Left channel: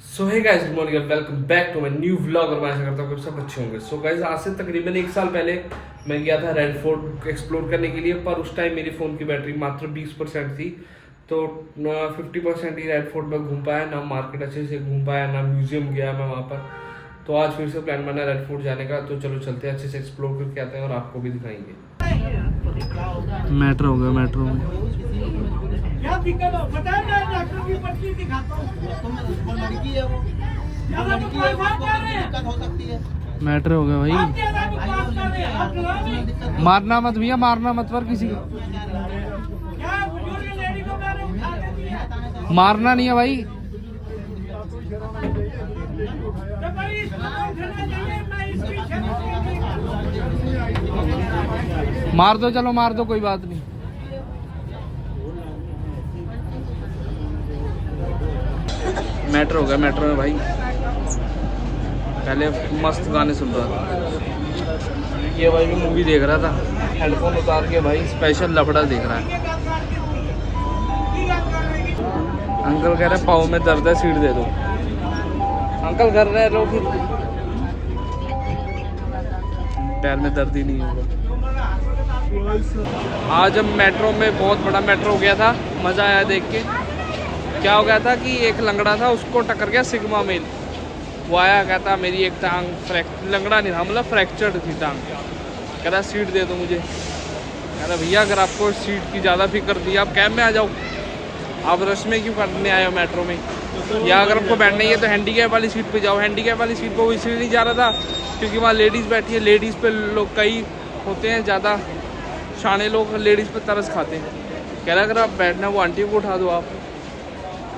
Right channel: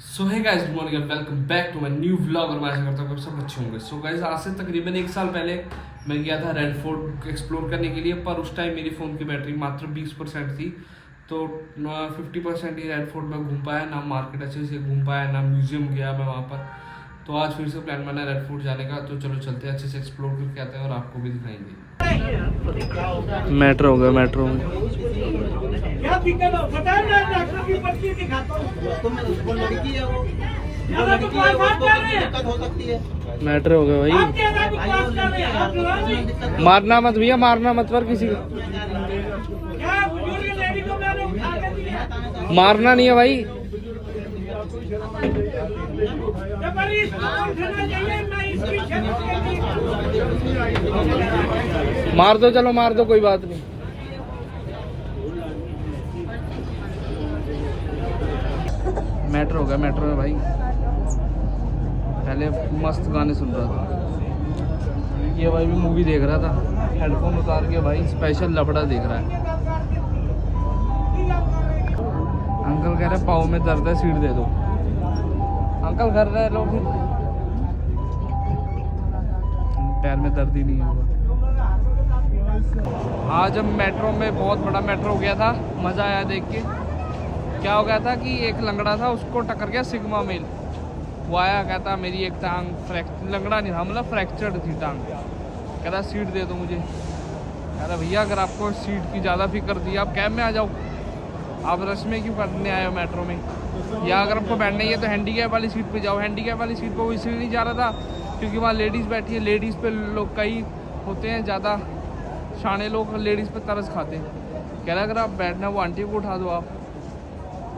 So hey guys, good morning, welcome back to my new vlog. और मैं आशा करता हूँ कि सब अच्छे होंगे। सो गाइस, आज से तकरीबन 1 साल पहले मैं गया था रेड फोर्ट एक्सप्लोर करने के लिए, पर उस टाइम मेरी फ़ोन की बैटरी मात्र 20% थी। तो 50% ही रेड फोर्ट में घूम पाया, ना मार्केट अच्छे से घूम पाया, ना म्यूजियम गया मैं वहाँ पर। तो आज फिर से प्लान बना रेड फोर्ट जाने का, तो चलो चलते हैं, अच्छे से एक्सप्लोर करके आते हैं और आपको भी दिखाएंगे। मेट्रो हो गया, मेट्रो में क्या दिक्कत हो बता मैं डॉक्टर की पर्ची दिखाता हूं। उसको लड़की है वो लड़की है उसको दिक्कत हो सकती है। मेट्रो हो गया भाई। मारना मत भैया, मारना मत पर किसी को, मारना नहीं है भाई। मार दो, चलो मार दो, कोई बात नहीं। मेट्रो हो गया, मेट्रो में भाई पहले मस्त गाने सुन रहा था। ये भाई मैं मूवी देख रहा था, हेडफोन उतार के भाई स्पेशल लफड़ा देख रहा है। अंकल कह रहे हैं पाँव में दर्द है, सीट दे दो। अंकल कर रहे लो, फिर पैर में दर्द ही नहीं होगा। आज हम मेट्रो में, बहुत बड़ा मेट्रो हो गया था, मज़ा आया देख के। क्या हो गया था कि एक लंगड़ा था, उसको टक्कर गया सिग्मा मेल। वो आया, कहता मेरी एक टांग लंगड़ा नहीं था, मतलब फ्रैक्चर्ड थी टांग। कह रहा सीट दे दो मुझे। कह रहा भैया अगर आपको सीट की ज़्यादा फिक्र थी आप कैब में आ जाओ, आप रश में क्यों करने आए हो मेट्रो में। या अगर आपको बैठना ही है तो हैंडीकैप वाली सीट पे जाओ। हैंडीकैप वाली सीट पर वो इसलिए नहीं जा रहा था क्योंकि वहाँ लेडीज़ बैठी है। लेडीज़ पे लोग कई होते हैं ज़्यादा शाने लोग, लेडीज़ पे तरस खाते हैं। कह रहा अगर आप बैठना वो आंटी को उठा दो आप।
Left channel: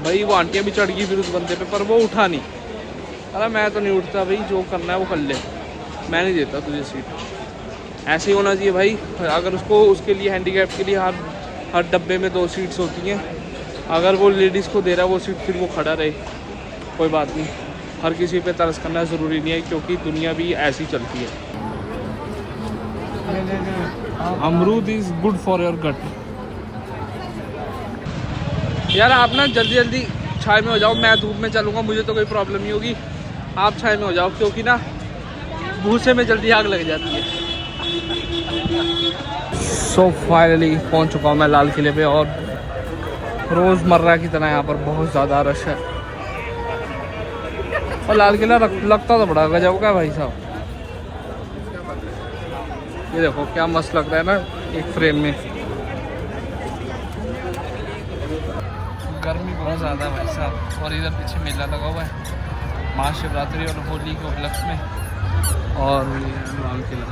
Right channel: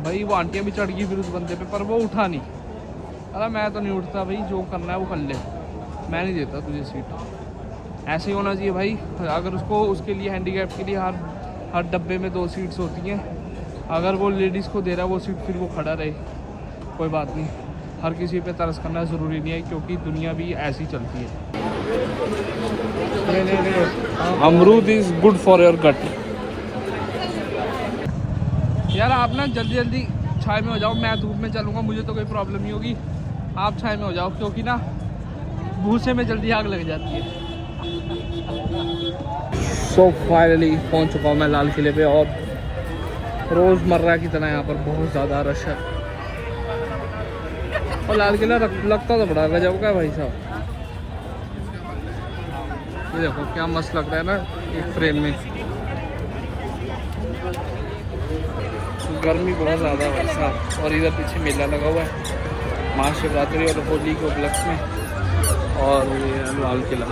भाई वो आंटियाँ भी चढ़ गई फिर उस बंदे पे, पर वो उठा नहीं। अरे मैं तो नहीं उठता भाई, जो करना है वो कर ले, मैं नहीं देता तुझे सीट। ऐसे ही होना चाहिए भाई। अगर उसको, उसके लिए हैंडीकैप के लिए हर डब्बे में 2 सीट्स होती हैं। अगर वो लेडीज़ को दे रहा है वो सीट, फिर वो खड़ा रहे, कोई बात नहीं। हर किसी पे तरस करना ज़रूरी नहीं है, क्योंकि दुनिया भी ऐसी चलती है। Amrood is good for your gut. यार आप ना जल्दी जल्दी छाए में हो जाओ, मैं धूप में चलूँगा, मुझे तो कोई प्रॉब्लम नहीं होगी। आप छाए में हो जाओ, क्योंकि ना भूसे में जल्दी आग लग जाती है। सो फाइनली पहुँच चुका हूँ मैं लाल किले पे, और रोज़मर्रा की तरह यहाँ पर बहुत ज़्यादा रश है। और लाल किला लगता तो बड़ा गजब का भाई साहब। ये देखो क्या मस्त लग रहा है ना एक फ्रेम में। गर्मी बहुत ज़्यादा है भाई साहब। और इधर पीछे मेला लगा हुआ है महाशिवरात्रि और होली के उपलक्ष्य में, और ये लाल किला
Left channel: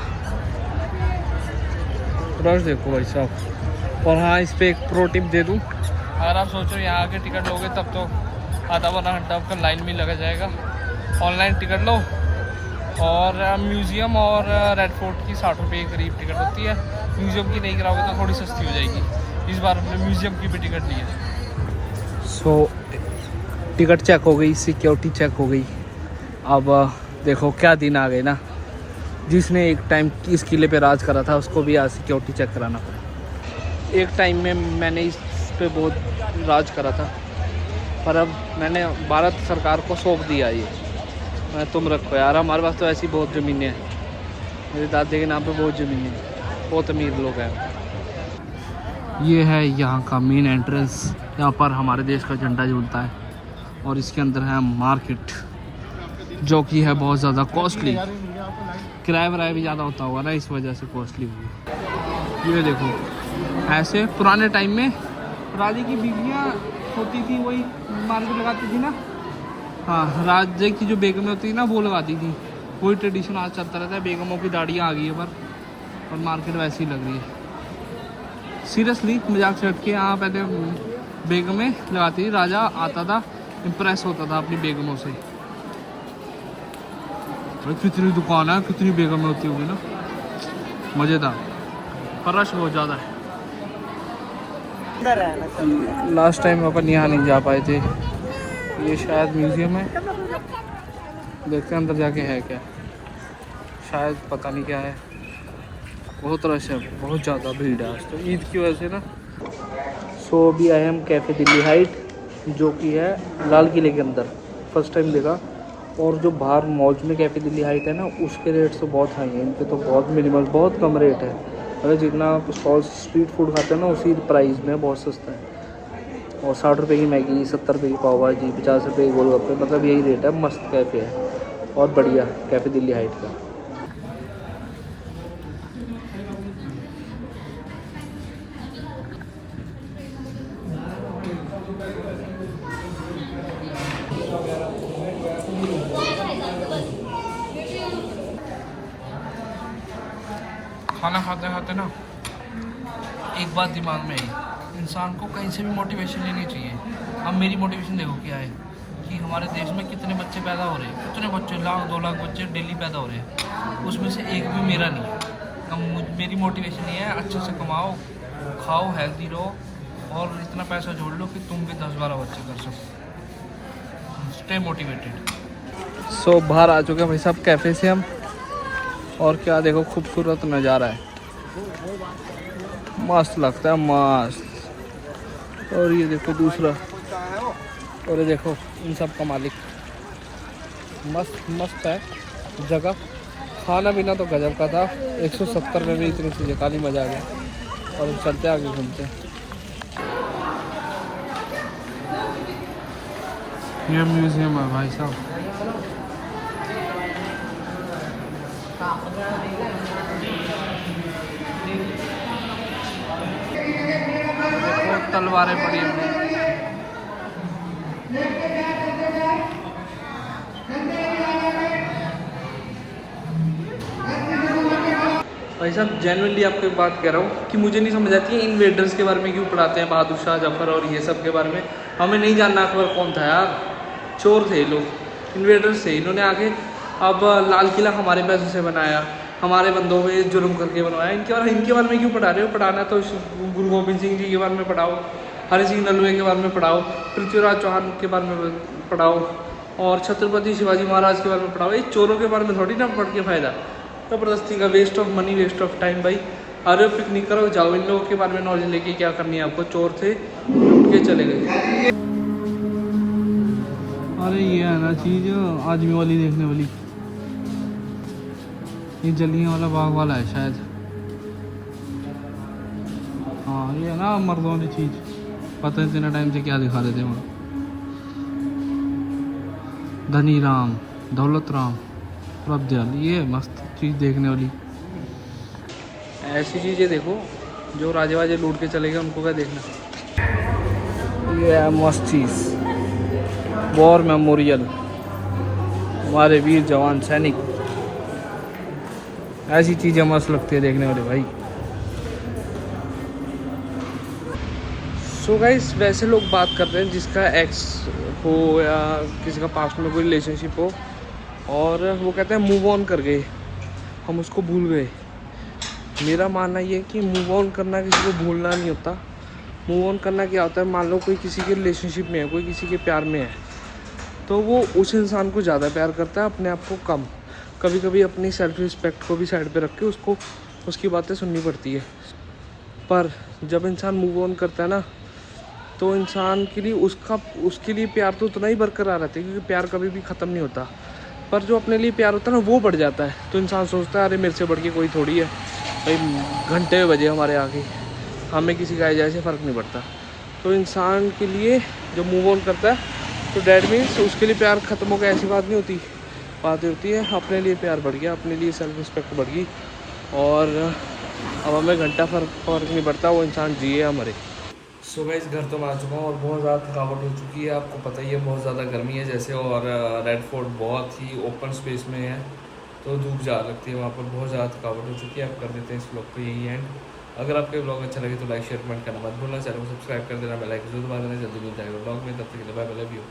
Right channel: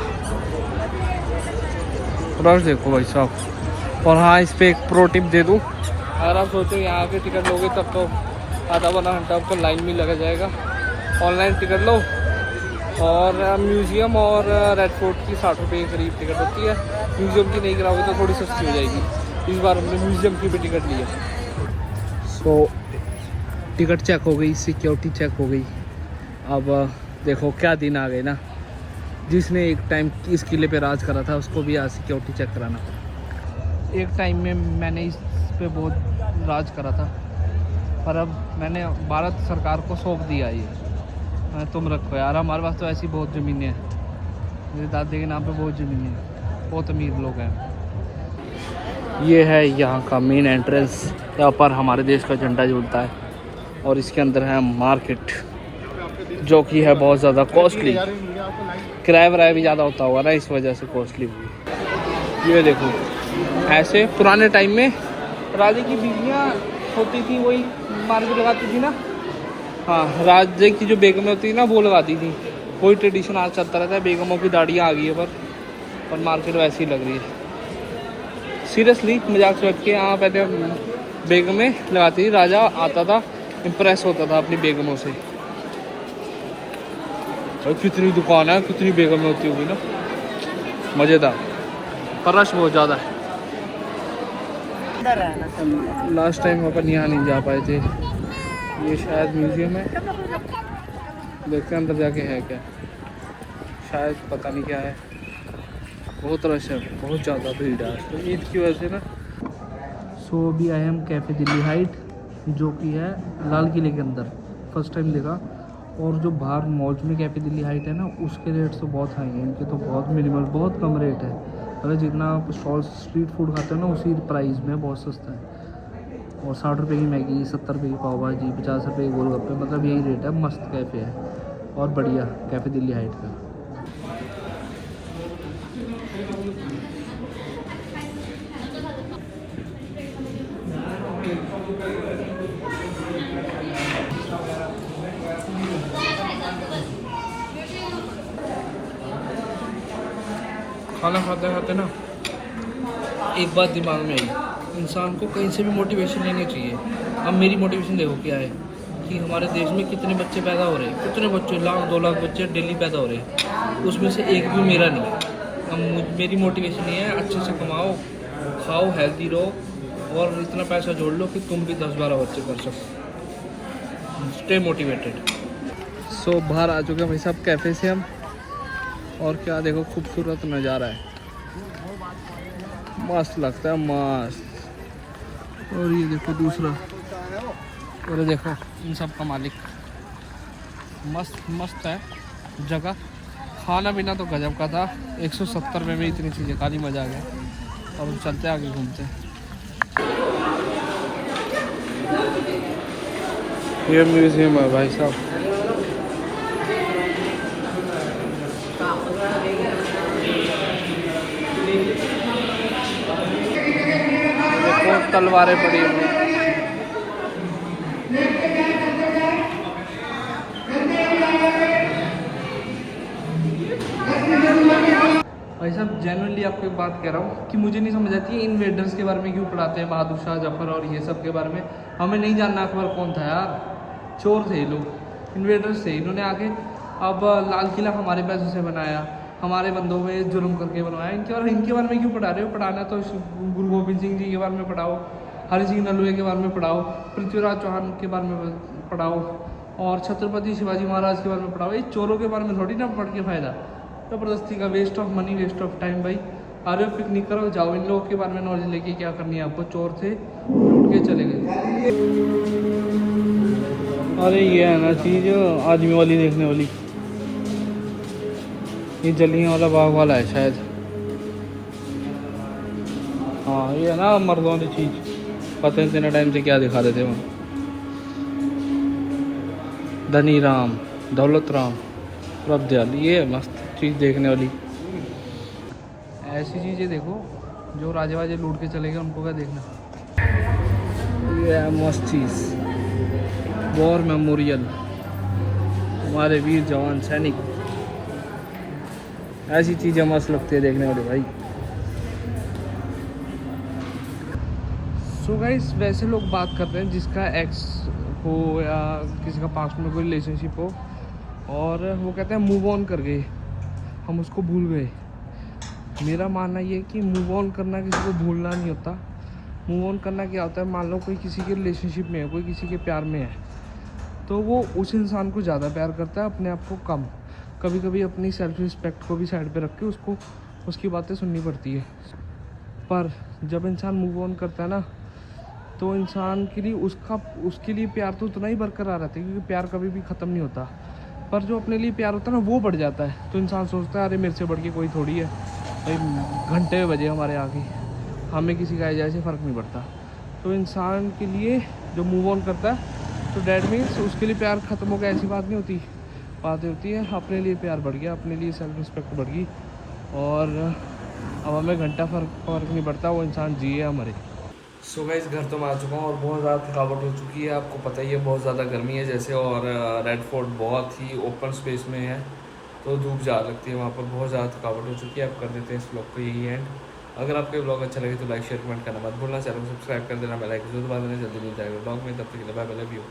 बस देखो भाई साहब। और हाँ, इस पर एक प्रो टिप दे दूँ, अगर आप सोचो यहाँ के टिकट लोगे तब तो आधा पौना घंटा आपको लाइन में लगा जाएगा। ऑनलाइन टिकट लो, और म्यूज़ियम और रेड फोर्ट की 60 रुपये के करीब टिकट होती है। म्यूज़ियम की नहीं कराओगे तो थोड़ी सस्ती हो जाएगी। इस बार हमने म्यूज़ियम की भी टिकट ली है। सो टिकट चेक हो गई, सिक्योरिटी चेक हो गई। अब देखो क्या दिन आ गए ना, जिसने एक टाइम इस किले पे राज करा था उसको भी आज सिक्योरिटी चेक कराना पड़ा। एक टाइम में मैंने इस पे बहुत राज करा था, पर अब मैंने भारत सरकार को सौंप दिया ये। मैं तुम रखो यार, हमारे पास तो ऐसी बहुत ज़मीनें हैं, मेरे दादे के नाम पे बहुत ज़मीनें हैं, बहुत अमीर लोग हैं। ये है यहाँ का मेन एंट्रेंस, यहाँ पर हमारे देश का झंडा झूलता है। और इसके अंदर है मार्केट, जो कि है बहुत ज़्यादा कॉस्टली। किराया वराया भी ज़्यादा होता होगा ना, इस वजह से कॉस्टली हुई। ये देखो, ऐसे पुराने टाइम में राजे की बीवियाँ होती थी, वही मार्केट लगाती थी ना। हाँ, राजे की जो बेगमें होती थी ना वो लगाती थी। वही ट्रेडिशन आज चलता रहता है। बेगमों की दाढ़ियाँ आ गई है पर मार्केट वैसी ही लग रही है। सीरियसली मजाक से हट के, यहाँ पहले बेगमें लगाती थी, राजा आता था, इम्प्रेस होता था अपनी बेगमों से। भाई कितनी दुकान है, कितनी बेगमें होती होगी ना, मज़ेदार। पर रश बहुत ज़्यादा है। लास्ट टाइम अपन यहाँ नहीं जा पाए थे। ये शायद म्यूजियम है, देखते हैं अंदर जाके है क्या, शायद पता नहीं क्या है। बहुत रश है, बहुत ज़्यादा भीड़ है ईद की वजह से ना। सो अभी आए हम कैफ़े दिल्ली हाइट, जो कि है लाल किले के अंदर। फर्स्ट टाइम देखा। और जो बाहर मॉल्स में कैफ़े दिल्ली हाइट है ना, उसके रेट तो बहुत हाई हैं, इनके तो बहुत मिनिमल, बहुत कम रेट है। मतलब जितना आप स्टॉल स्ट्रीट फूड खाते हो ना, उसी प्राइस में बहुत सस्ता है। और 60 रुपये की मैगी, 70 रुपये की पाव भाजी, 50 रुपये की गोलगप्पे, मतलब यही रेट है। मस्त कैफ़े है और बढ़िया कैफ़े दिल्ली हाइट का। खाना खाते खाते ना एक बात दिमाग में आई, इंसान को कहीं से भी मोटिवेशन लेनी चाहिए। अब मेरी मोटिवेशन देखो क्या है कि हमारे देश में कितने बच्चे पैदा हो रहे हैं, कितने बच्चे, 1,00,000-2,00,000 बच्चे डेली पैदा हो रहे हैं, उसमें से एक भी मेरा नहीं है। अब मेरी मोटिवेशन ये है, अच्छे से कमाओ, खाओ, हेल्दी रहो और इतना पैसा जोड़ लो कि तुम भी 10-12 बच्चे कर सको। Stay motivated. सो बाहर आ चुके हैं भाई साहब कैफ़े से हम, और क्या देखो खूबसूरत नज़ारा है, मस्त लगता है, मस्त। और ये देखो दूसरा, और ये देखो इन सब का मालिक। मस्त मस्त है जगह। खाना पीना तो गजब का था। 170 में भी इतनी चीज़ें खानी, मज़ा आ गया। और चलते आगे घूमते हैं। ये म्यूज़ियम है भाई साहब। देखो तलवारें पड़ी हुई। भाई साहब जेन्युइनली आपको एक बात कह रहा हूँ कि मुझे नहीं समझ आती है इन्वेडर्स के बारे में क्यों पढ़ाते हैं, बहादुर शाह जफर और ये सब के बारे में। हमें नहीं जानना अकबर कौन था यार, चोर थे लोग, इन्वेडर्स थे। इन्होंने आगे अब लाल किला हमारे पैसों से बनाया, हमारे बंदों पे जुर्म करके बनवाया। इनके बारे में क्यों पढ़ा रहे हो? पढ़ाना तो गुरु गोबिंद सिंह जी के बारे में पढ़ाओ, हरि सिंह नलवे के बारे में पढ़ाओ, पृथ्वीराज चौहान के बारे में पढ़ाओ और छत्रपति शिवाजी महाराज के बारे में पढ़ाओ। ये चोरों के बारे में थोड़ी ना पढ़ के फ़ायदा। ज़बरदस्ती का waste of money, waste of time. भाई अरे पिकनिक करो, जाओ, इन लोगों के बारे में नॉलेज लेके क्या करनी है आपको। चोर थे, लूट के चले गए। अरे ये है ना चीज़ आदमी वाली देखने वाली, ये जलियांवाला बाग वाला है शायद। हाँ ये है ना मर्दों वाली चीज़, पता है इतने टाइम से क्या दिखा रहे थे वहाँ। धनी राम, दौलत राम, प्रभदयाल, ये है मस्त चीज़ देखने वाली। ऐसी चीज़ें देखो जो राजे वाजे लूट के चले गए, उनको क्या देखना। ये है मस्त चीज़, वॉर मेमोरियल, हमारे वीर जवान सैनिक। ऐसी चीज़ें मस्त लगती है देखने वाले भाई। सो गाइस वैसे लोग बात कर रहे हैं जिसका एक्स हो या किसी का पास्ट में कोई रिलेशनशिप हो, और वो कहते हैं मूव ऑन कर गए, हम उसको भूल गए। मेरा मानना ये है कि मूव ऑन करना किसी को भूलना नहीं होता। मूव ऑन करना क्या होता है, मान लो कोई किसी के रिलेशनशिप में है, कोई किसी के प्यार में है, तो वो उस इंसान को ज़्यादा प्यार करता है, अपने आप को कम। कभी कभी अपनी सेल्फ रिस्पेक्ट को भी साइड पे रख के उसको उसकी बातें सुननी पड़ती है। पर जब इंसान मूव ऑन करता है ना, तो इंसान के लिए उसके लिए प्यार तो उतना ही बरकरार रहता है, क्योंकि प्यार कभी भी ख़त्म नहीं होता। पर जो अपने लिए प्यार होता है ना, वो बढ़ जाता है। तो इंसान सोचता है अरे मेरे से बढ़ के कोई थोड़ी है, भाई घंटे बजे हमारे आगे, हमें किसी का जाए से फ़र्क नहीं पड़ता। तो इंसान के लिए जब मूव ऑन करता है तो डैट मीन्स उसके लिए प्यार ख़त्म हो गया, ऐसी बात नहीं होती। बात होती है अपने लिए प्यार बढ़ गया, अपने लिए सेल्फ रिस्पेक्ट बढ़ गई, और अब हमें घंटा फ़र्क नहीं पड़ता, वो इंसान जिए या मरे। सो गाइस घर तो मैं आ चुका हूँ और बहुत ज़्यादा थकावट हो चुकी है। आपको पता ही है बहुत ज़्यादा गर्मी है जैसे, और रेड फोर्ट बहुत ही ओपन स्पेस में है, तो धूप ज़्यादा लगती है वहाँ पर, बहुत ज़्यादा थकावट हो चुकी है। आप कर देते हैं इस ब्लॉग को यही एंड। अगर आपके ब्लॉग अच्छा लगे तो लाइक शेयर कमेंट करना मत भूलना, चैनल को सब्सक्राइब कर देना, बेल आइकन जरूर दबा देना। जल्दी मिल जाएगा ब्लॉग में, तब तक के लिए बाय बाय, लव यू।